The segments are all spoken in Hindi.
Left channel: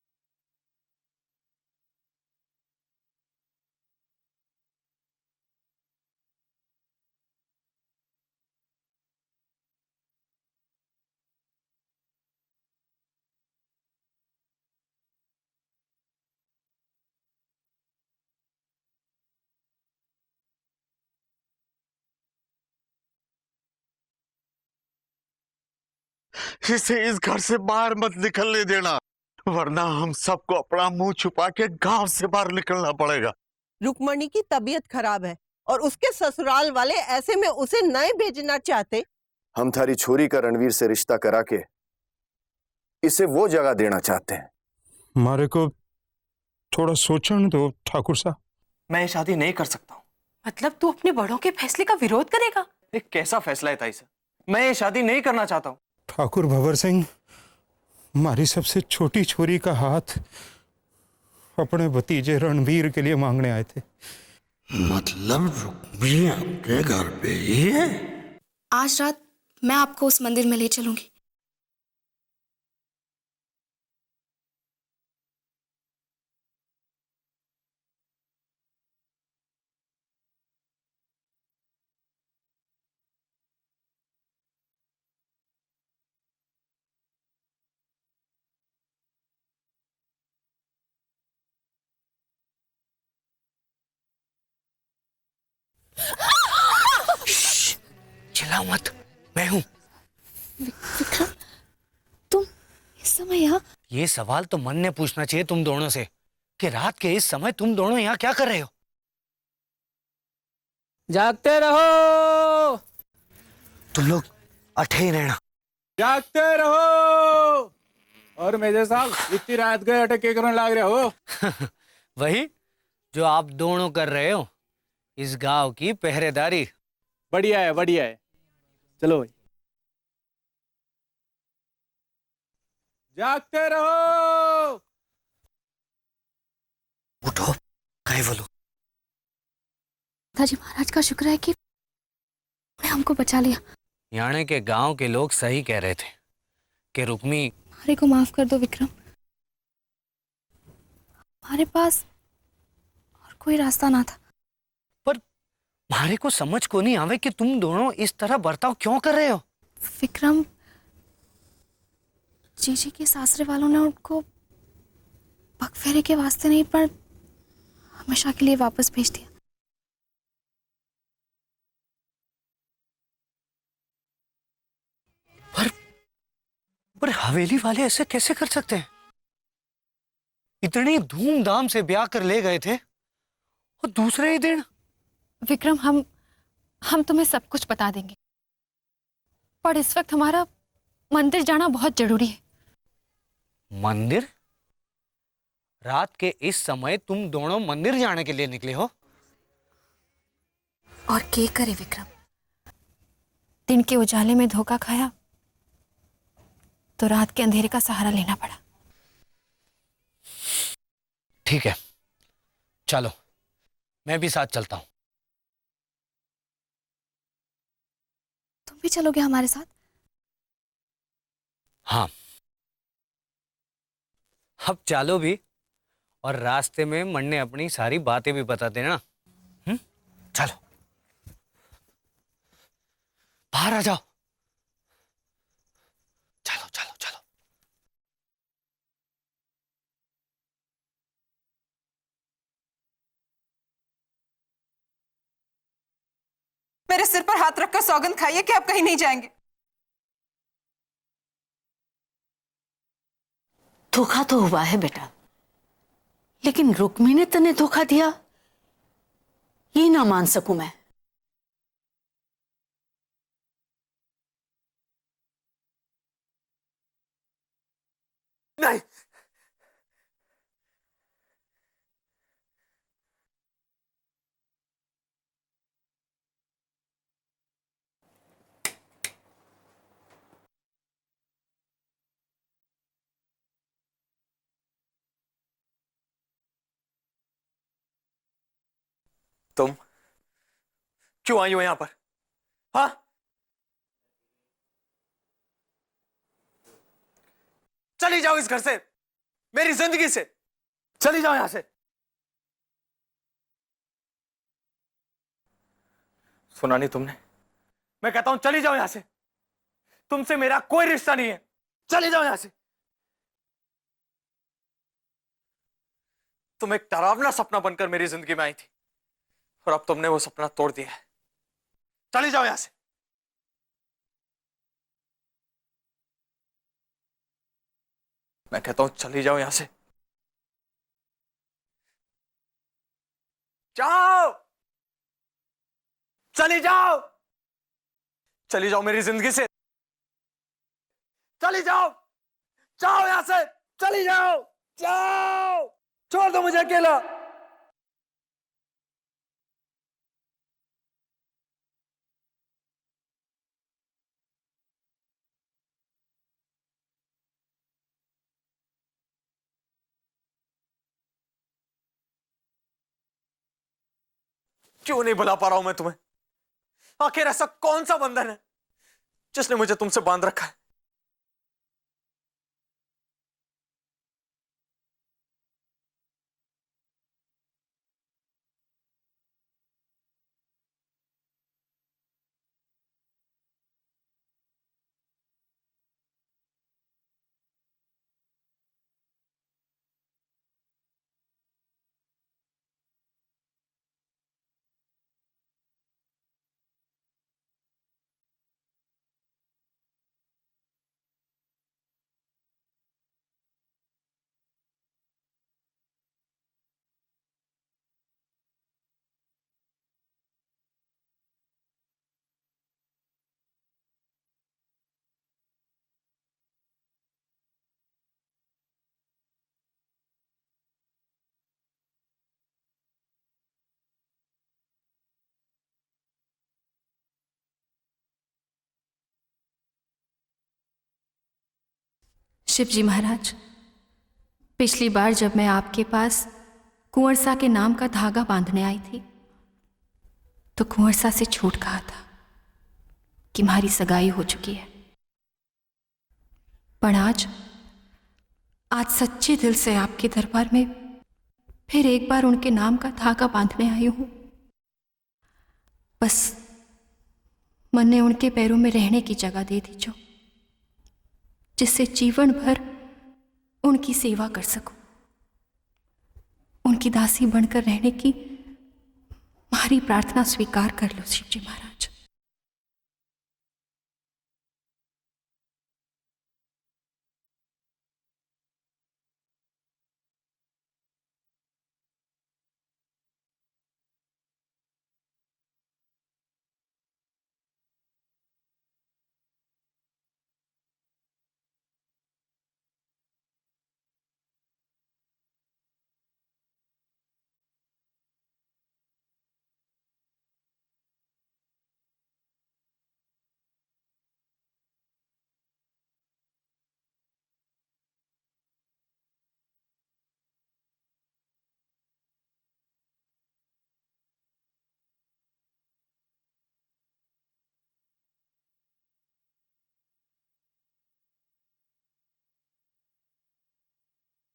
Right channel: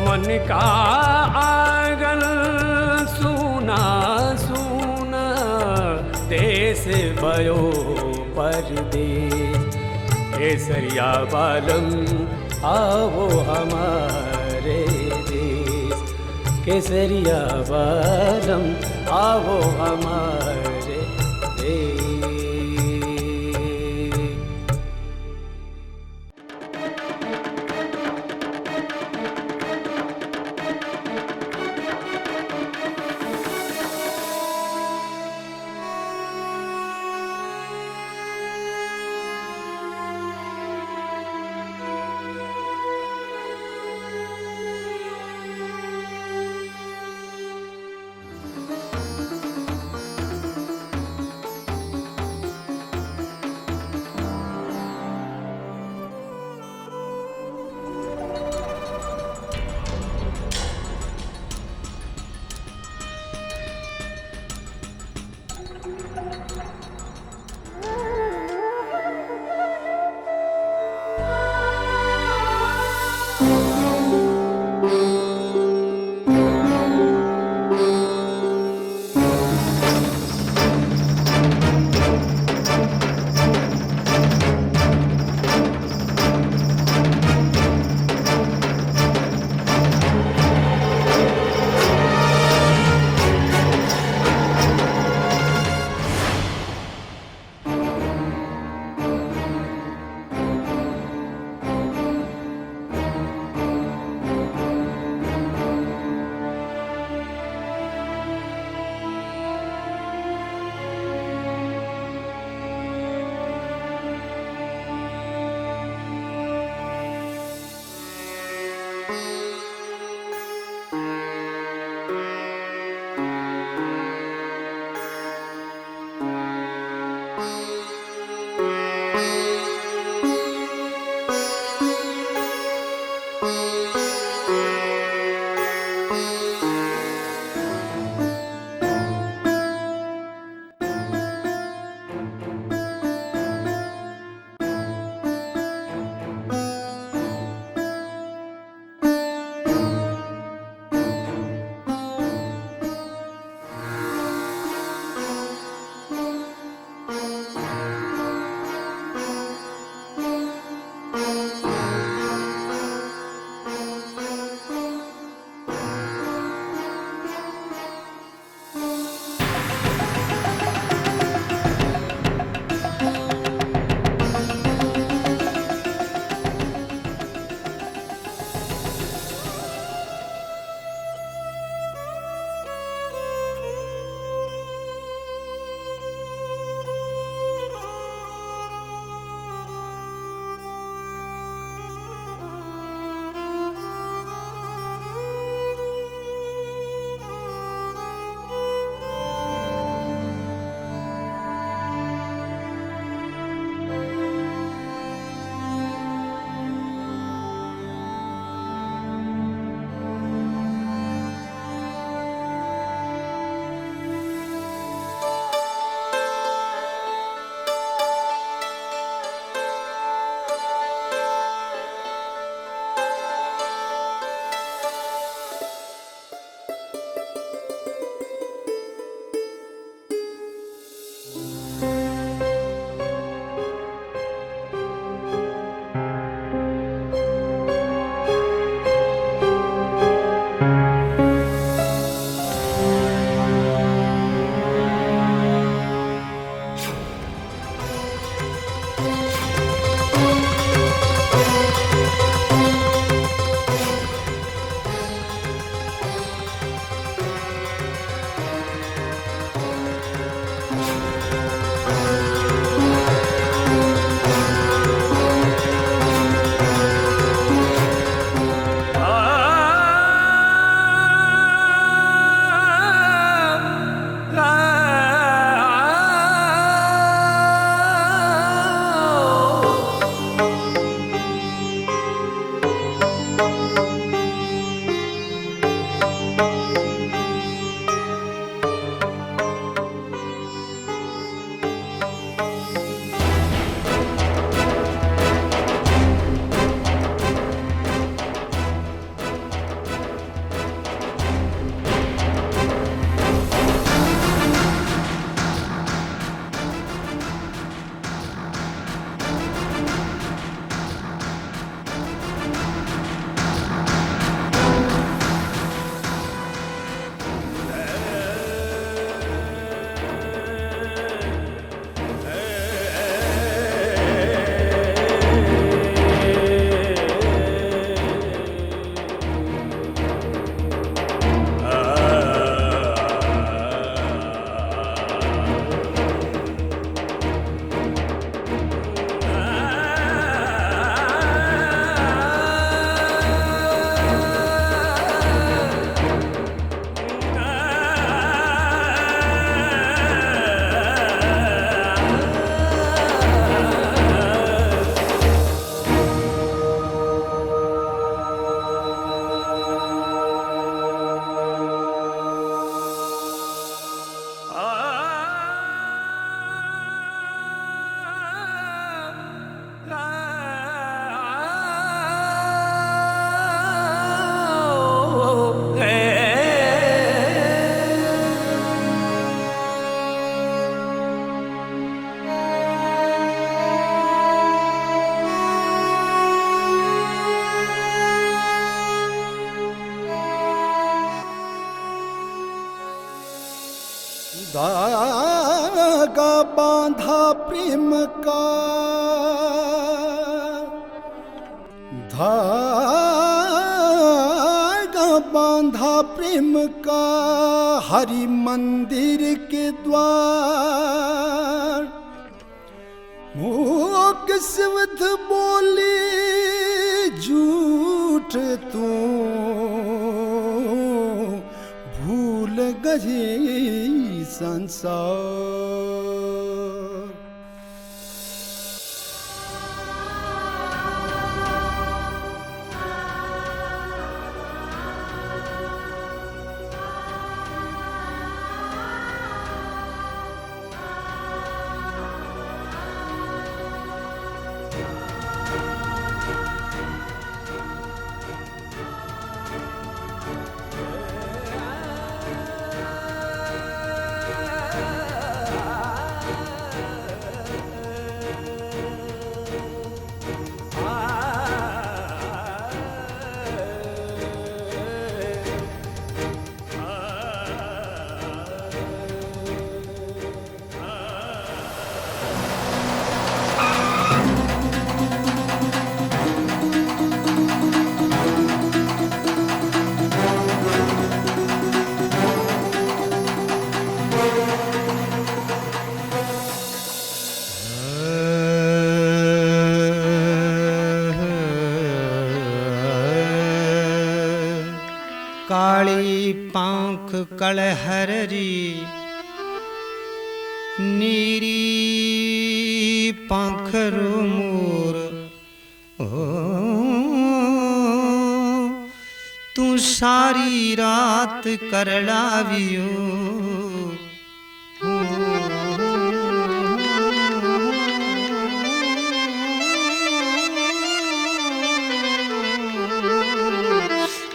मन का आंगन सूना सूना, देश भयो परदेश। केसरिया बालम आओ हमारे देश, केसरिया बालम आओ हमारे देश। इसे इस घर से बाहर मत निकलने देना, वरना हम सबको अपना मुंह छुपा के गांव से बाहर निकलना पड़ेगा। रुक्मणी की तबीयत खराब है और उसके ससुराल वाले ऐसे में उसे नहीं भेजना चाहते। हम थारी छोरी का रणवीर से रिश्ता करा के इसे वो जगह देना चाहते हैं। हमारे को थोड़ा सोचने दो ठाकुर साहब। मैं ये शादी नहीं कर सकता। मतलब तू अपने बड़ों के फैसले का विरोध करेगा? ये कैसा फैसला है ताई? मैं ये शादी नहीं करना चाहता हूँ। ठाकुर भंवर सिंह हमारी सबसे छोटी छोरी का हाथ अपने भतीजे रणवीर के लिए मांगने आए थे। मतलब रुक्मिणी के घर पे ही है? आज रात मैं आपको उस मंदिर में ले चलूंगी। ये सवाल तो मन ने पूछना चाहिए तुम दोनों से कि रात के इस समय तुम दोनों यहाँ क्या कर रहे हो? जागते रहो, तुम लोग अठे ही रहना। जागते रहो। और मेजर साहब इतनी रात गए अटके करने लग रहे हो? वही जो आप दोनों कर रहे हो, इस गांव की पहरेदारी। बढ़िया है, बढ़िया है। चलो जागते रहो। उठो, कहीं बोलो। पिताजी महाराज का शुक्र है कि मैं हमको बचा लिया। याने के गांव के लोग सही कह रहे थे कि रुक्मी। भाई को माफ कर दो विक्रम, हमारे पास कोई रास्ता ना था। पर मारे को समझ को नहीं आवे कि तुम दोनों इस तरह बर्ताव क्यों कर रहे हो? विक्रम, जीजी के सासरे वालों ने उनको बकफेरे के वास्ते नहीं पर हमेशा के लिए वापस भेज दी। पर हवेली वाले ऐसे कैसे कर सकते हैं? इतनी धूमधाम से ब्याह कर ले गए थे और दूसरे ही दिन। विक्रम, हम तुम्हें सब कुछ बता देंगे, पर इस वक्त हमारा मंदिर जाना बहुत जरूरी है। मंदिर? रात के इस समय तुम दोनों मंदिर जाने के लिए निकले हो? और क्या करे विक्रम, दिन के उजाले में धोखा खाया तो रात के अंधेरे का सहारा लेना पड़ा। ठीक है, चलो मैं भी साथ चलता हूँ। भी चलोगे हमारे साथ? हाँ, अब चलो भी, और रास्ते में मन ने अपनी सारी बातें भी बता देना। चलो बाहर आ जाओ। चलो चलो चलो। मेरे सिर पर हाथ रखकर सौगंध खाइए कि आप कहीं नहीं जाएंगे। धोखा तो हुआ है बेटा, लेकिन रुक्मी ने तने धोखा दिया, ये ना मान सकूं मैं। क्यों आई हो यहाँ पर? हाँ? चली जाओ इस घर से। मेरी जिंदगी से। चली जाओ यहां से। सुना नहीं तुमने? मैं कहता हूं चली जाओ यहां से। तुमसे मेरा कोई रिश्ता नहीं है। चली जाओ यहां से। तुम एक डरावना सपना बनकर मेरी जिंदगी में आई, पर अब तुमने वो सपना तोड़ दिया। चली जाओ यहां से। मैं कहता हूं चली जाओ यहां से। जाओ, चली जाओ, चली जाओ मेरी जिंदगी से। चली जाओ, जाओ यहां से, चली जाओ। छोड़ दो मुझे अकेला। क्यों नहीं बुला पा रहा हूं मैं तुम्हें? आखिर ऐसा कौन सा बंधन है जिसने मुझे तुमसे बांध रखा है? धागा बांधा प्रेम का, धागा बांधा प्रेम का हरि मंदिर के द्वार। मूक सिवध बोली झूठ तू भूल गई संसार। शिवजी महाराज, पिछली बार जब मैं आपके पास कुंवर सा के नाम का धागा बांधने आई थी तो कुंवर सा से झूठ कहा था कि हमारी सगाई हो चुकी है। पर आज सच्चे दिल से आपके दरबार में फिर एक बार उनके नाम का धागा बांधने आई हूं। बस मन ने उनके पैरों में रहने की जगह दे दी, जो जिससे जीवन भर उनकी सेवा कर सकूं, उनकी दासी बनकर रहने की हमारी प्रार्थना स्वीकार कर लो शिवजी महाराज। काली पांख कलहरी नीरी पाखरू मोर, तू सारी रात करड़ावियो।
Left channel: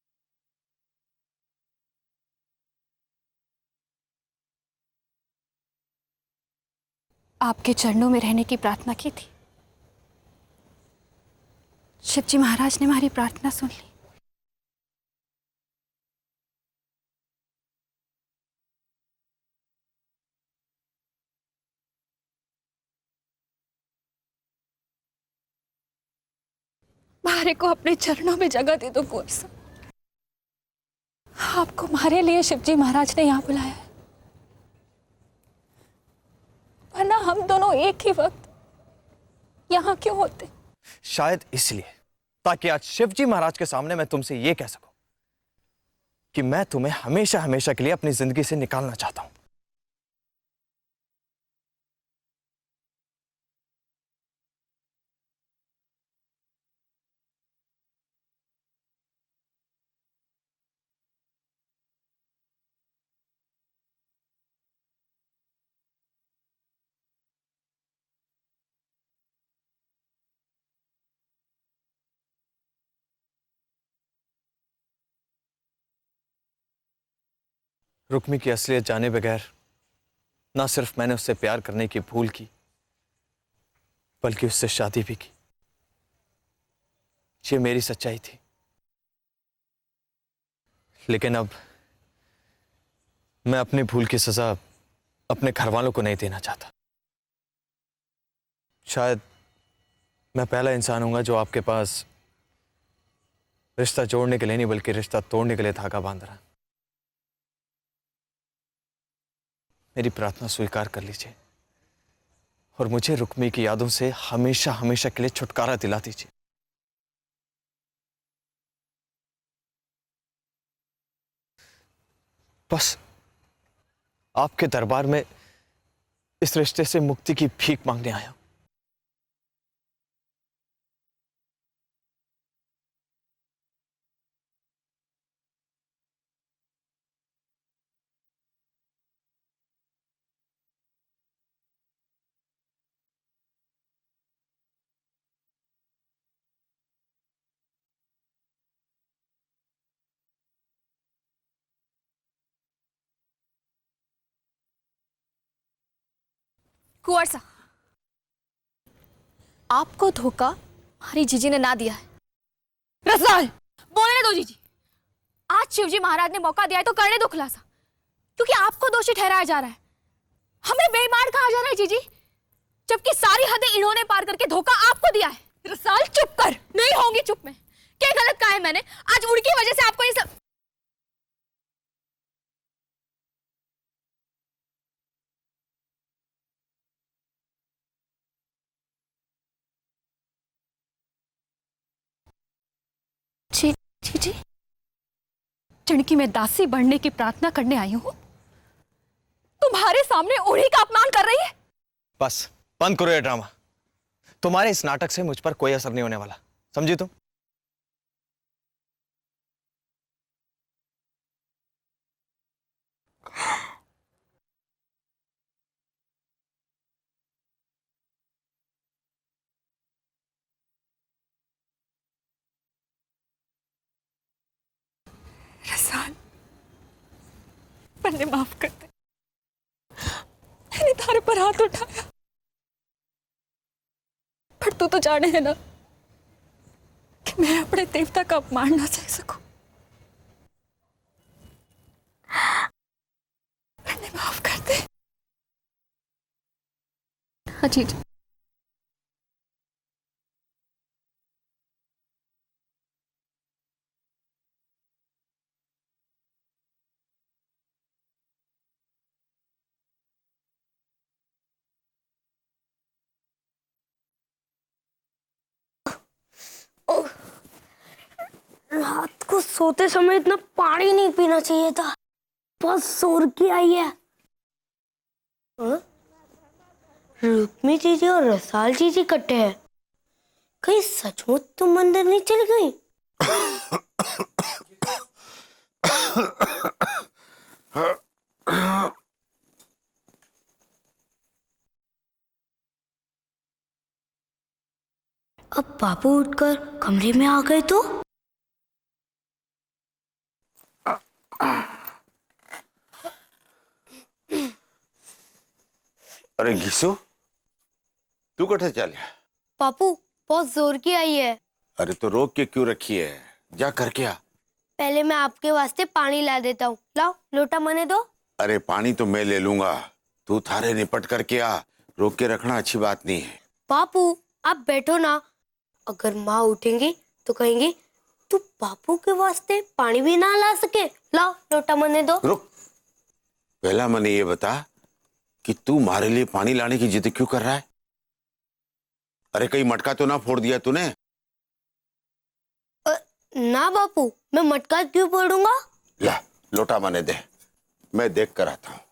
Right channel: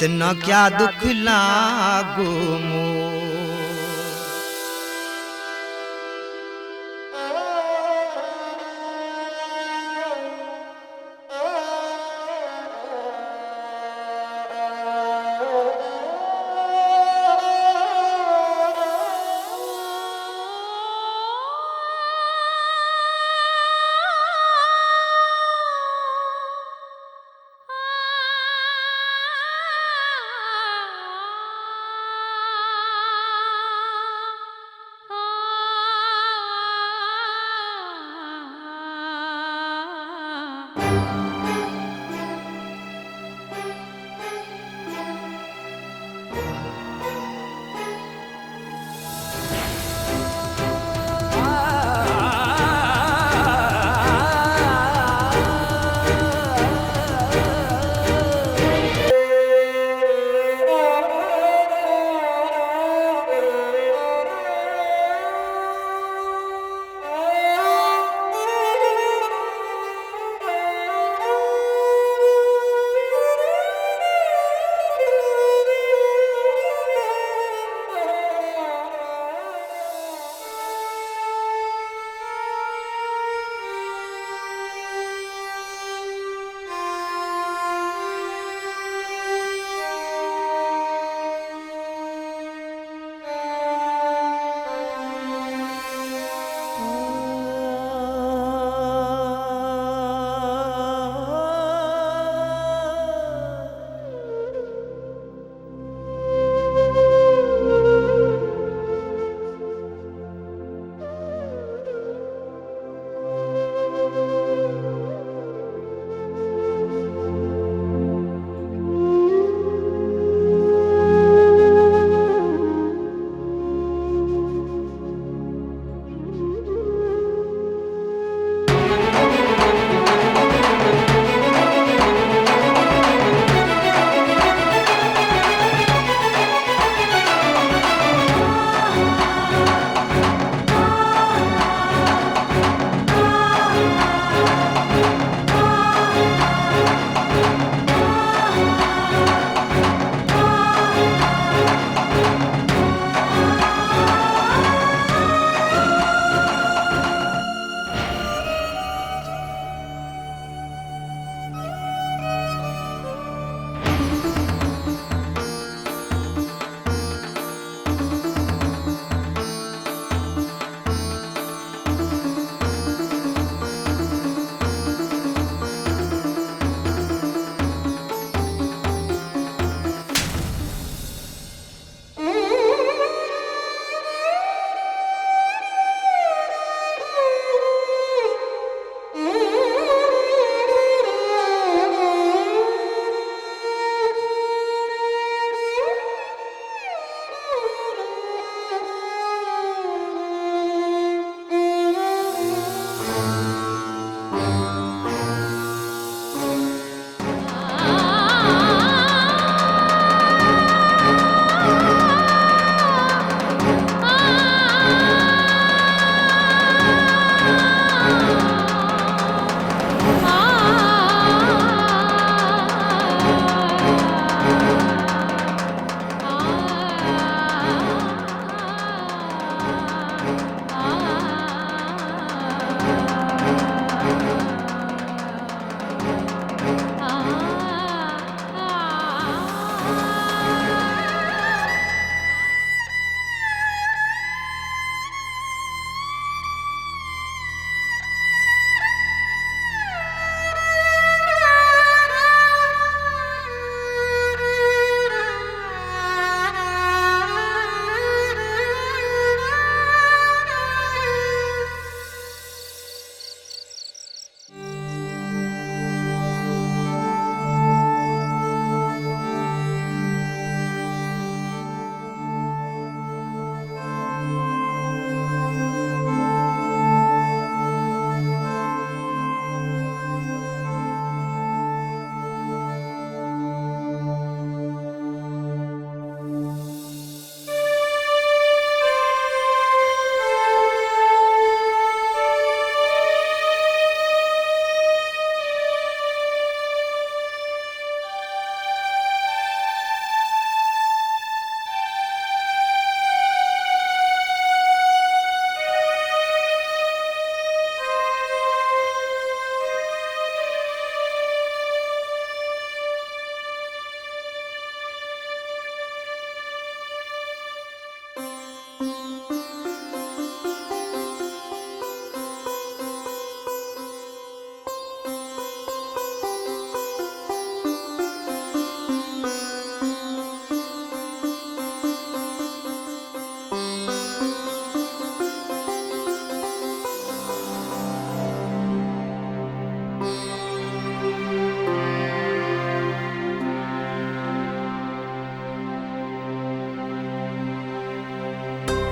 तना क्या दुख लागो आपके चरणों में रहने की प्रार्थना की थी। शिवजी महाराज ने हमारी प्रार्थना सुनी। मारे को अपने चरणों में जगह दे दो कुंवर सा। आपको हमारे लिए शिवजी महाराज ने यहाँ बुलाया, वरना हम दोनों एक ही वक्त यहाँ क्यों होते? शायद इसलिए, ताकि आज शिवजी महाराज के सामने मैं तुमसे ये कह सकूं कि मैं तुम्हें हमेशा हमेशा के लिए अपनी जिंदगी से निकालना चाहता हूं। रुक्मी की असलियत जाने बगैर ना सिर्फ मैंने उससे प्यार करने की भूल की, बल्कि उससे शादी भी की। ये मेरी सच्चाई थी। लेकिन अब मैं अपनी भूल की सजा अपने घर वालों को नहीं देना चाहता। शायद मैं पहला इंसान हूंगा जो आपके पास रिश्ता जोड़ने के लिए नहीं बल्कि रिश्ता तोड़ने के लिए धागा बांध रहा है। मेरी प्रार्थना स्वीकार कर लीजिए और मुझे रुक्मी की यादों से हमेशा हमेशा के लिए छुटकारा दिला दीजिए। बस आपके दरबार में इस रिश्ते से मुक्ति की भीख मांगने आया। आपको धोखा हमारी जीजी ने ना दिया। रसाल बोलने दो जीजी। आज शिवजी महाराज ने मौका दिया है तो करने दो खुलासा, क्योंकि आपको दोषी ठहराया जा रहा है, हमें बेईमान कहा जा रहा है जीजी, जबकि सारी हदें इन्होंने पार करके धोखा आपको दिया। रसाल चुप कर। नहीं होगी चुप। क्या गलत कहा है मैंने? आज उनकी वजह से आपको ये सब। चणकी में दासी बनने की प्रार्थना करने आई हूँ, तुम्हारे सामने उन्हीं का अपमान कर रही है। बस बंद करो ये ड्रामा। तुम्हारे इस नाटक से मुझ पर कोई असर नहीं होने वाला, समझी तो? पर हाथ उठा, फिर तू तो जाने है ना मेरे अपने देवता का अपमान नहीं कर सकता। माफ कर दे। हाँ जी सोते समय इतना पानी नहीं पीना चाहिए था, बहुत जोर की आई है। रुक्मी जीजी और रसाल जीजी इकट्ठे हैं। कहीं सचमुच तुम मंदिर नहीं चली गई? अब बाबू उठकर कमरे में आ गए तो? अरे घिसो, क्यों कटे चल? पापू बहुत जोर की आई है। अरे तो रोक के क्यों रखी है? जा करके आ। पहले मैं आपके वास्ते पानी ला देता हूँ। लाओ लोटा मने दो। अरे पानी तो मैं ले लूंगा, तू थारे निपट करके आ। रोक के रखना अच्छी बात नहीं है। पापू आप बैठो ना, अगर माँ उठेंगी तो कहेंगी तू पापू के वास्ते पानी भी ना ला सके। लाओ लोटा मने दो। रुक, पहला मने ये बता कि तू हमारे लिए पानी लाने की जिद क्यों कर रहा है? अरे कहीं मटका तो ना फोड़ दिया तूने? ना बापू, मैं मटका क्यों फोड़ूंगा? ला लोटा मने दे, मैं देख कर आता हूं।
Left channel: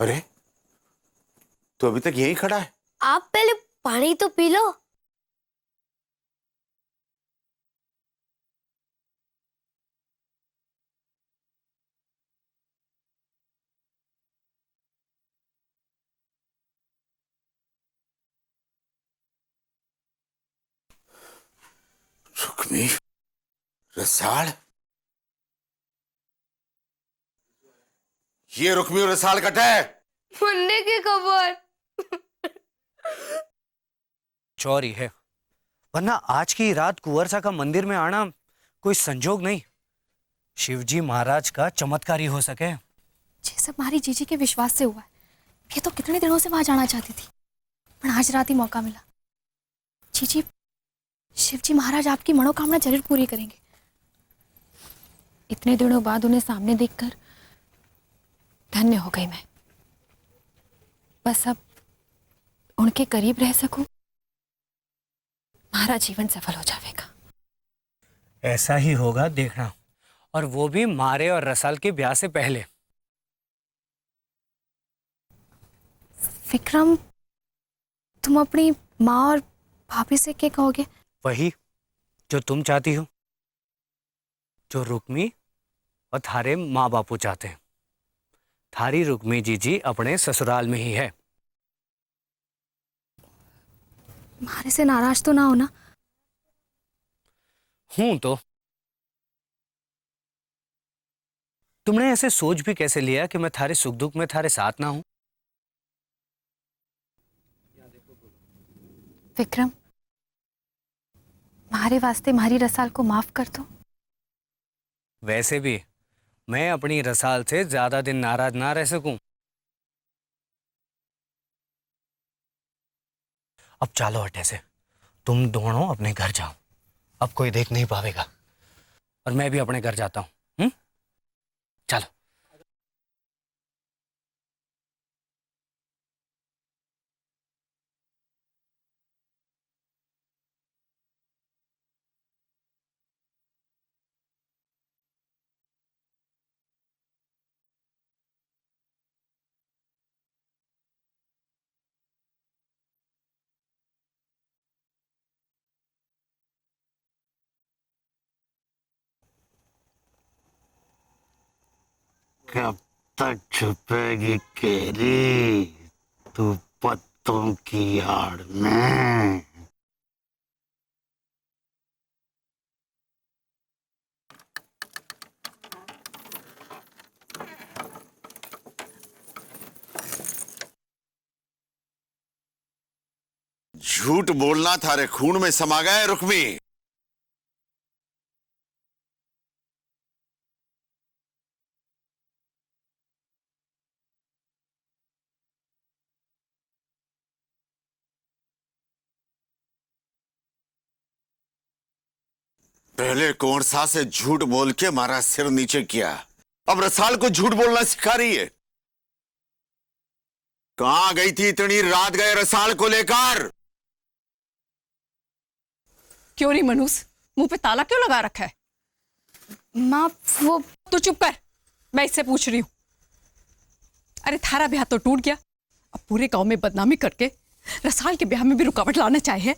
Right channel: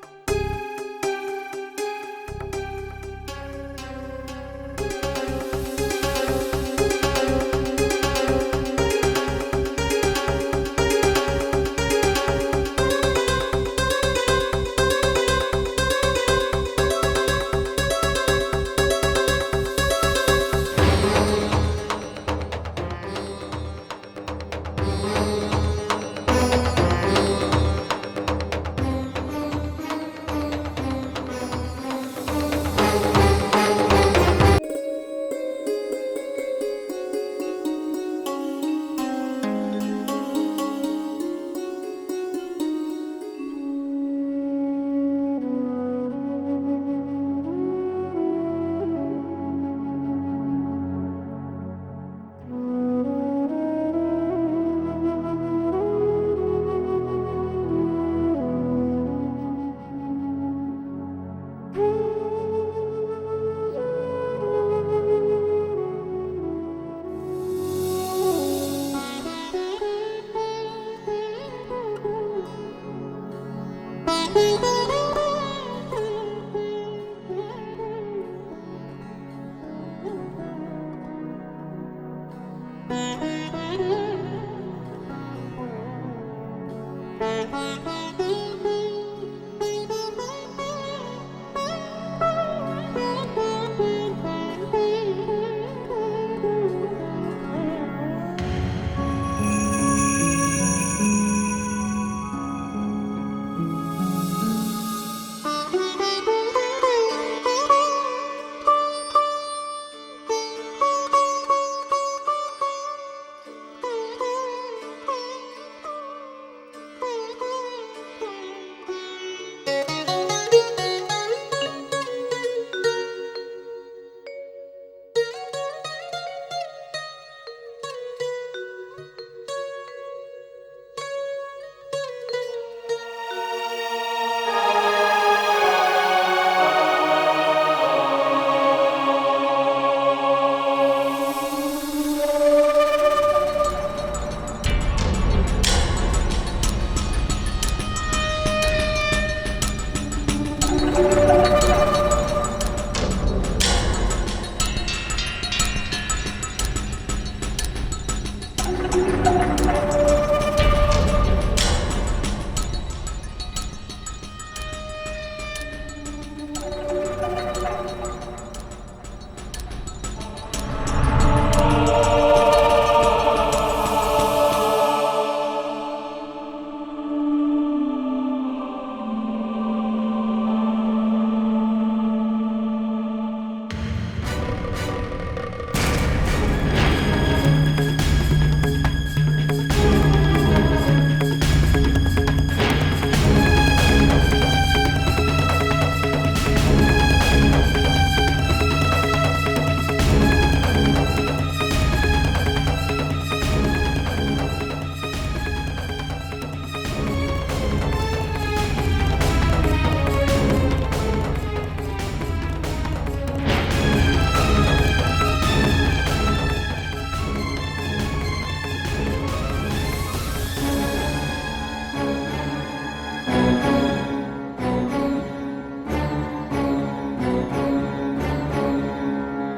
अरे तो अभी तक यहीं खड़ा है? आप पहले पानी तो पी लो। पहाड़, ये रुक्मी और रसाल कट है। खुलने की खबर। चोरी है, वरना आज की रात कुंवर का मंदिर में आना कोई संजोग नहीं, शिवजी महाराज का चमत्कार ही हो सके। ये सब हमारी जीजी के विश्वास से हुआ। ये तो कितने दिनों से वहां जाना चाहती थी, पर आज रात ही मौका मिला। जीजी, शिवजी महाराज आपकी मनोकामना जरूर पूरी करेंगे। इतने दिनों बाद उन्हें सामने देखकर धन्य हो गई मैं। बस अब उनके करीब रह सकूं, हमारा जीवन सफल हो जाएगा। ऐसा ही होगा, देखना, और वो भी मारे और रसाल के ब्याह से पहले। विक्रम, तुम अपनी माँ और भाभी से क्या कहोगे? वही जो तुम चाहती हो, जो रुक्मी और थारे माँ बापू चाहते हैं। थारी रुक्मी जीजी अपने ससुराल में ही है। हमारे से नाराज तो ना हो ना? हूं तो। तुमने ऐसे सोच भी कैसे लिया कि मैं थारे सुख दुख में थारे साथ ना हूं? विक्रम, हमारे वास्ते हमारी रसाल को माफ कर दो। वैसे भी मैं अपनी रसाल से ज्यादा दिन नाराज ना रह सकूं। अब चलो हटे से, तुम दोनों अपने घर जाओ, अब कोई देख नहीं पाएगा, और मैं भी अपने घर जाता हूं। चलो। छुपेगी तेरी तू पत्तों की आड़ में। झूठ बोलना थारे खून में समा गया है रुक्मी। से झूठ बोल के हमारा सिर नीचे किया, अब रसाल को झूठ बोलना सिखा रही है। कहां गई थी इतनी रात गए रसाल को लेकर? क्यों नहीं मनुष्य, मुंह पे ताला क्यों लगा रखा है? माँ, वो तू चुप कर, मैं इससे पूछ रही हूँ। अरे थारा ब्याह तो टूट गया, पूरे गांव में बदनामी करके रसाल के ब्याह में भी रुकावट लाना चाहे।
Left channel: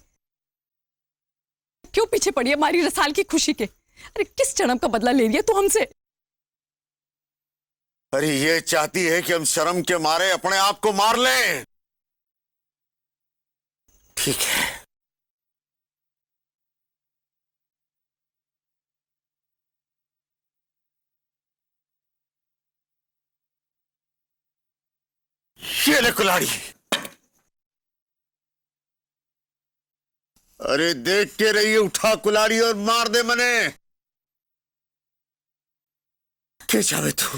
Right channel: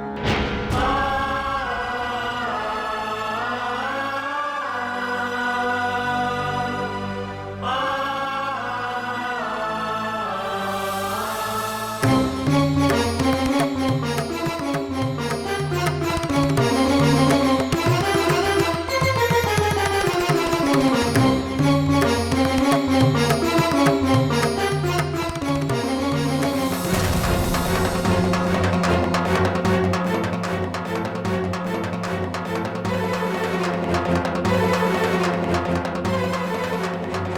क्यों पीछे पड़ी हमारी रसाल की खुशी के? अरे किस जन्म का बदला ले लिया तू हमसे? अरे ये चाहती है कि हम शर्म के मारे अपने आप को मार लें। ठीक है, ये ले कुल्हाड़ी। अरे देख के रही, उठा कुल्हाड़ी और मार दे मने। क्या चाहे तू,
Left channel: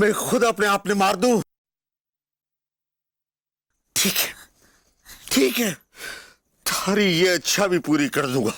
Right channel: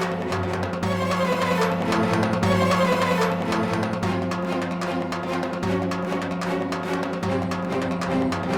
मैं खुद अपने आप में मार दूं? ठीक है, थारी ये अच्छा भी पूरी कर लूंगा।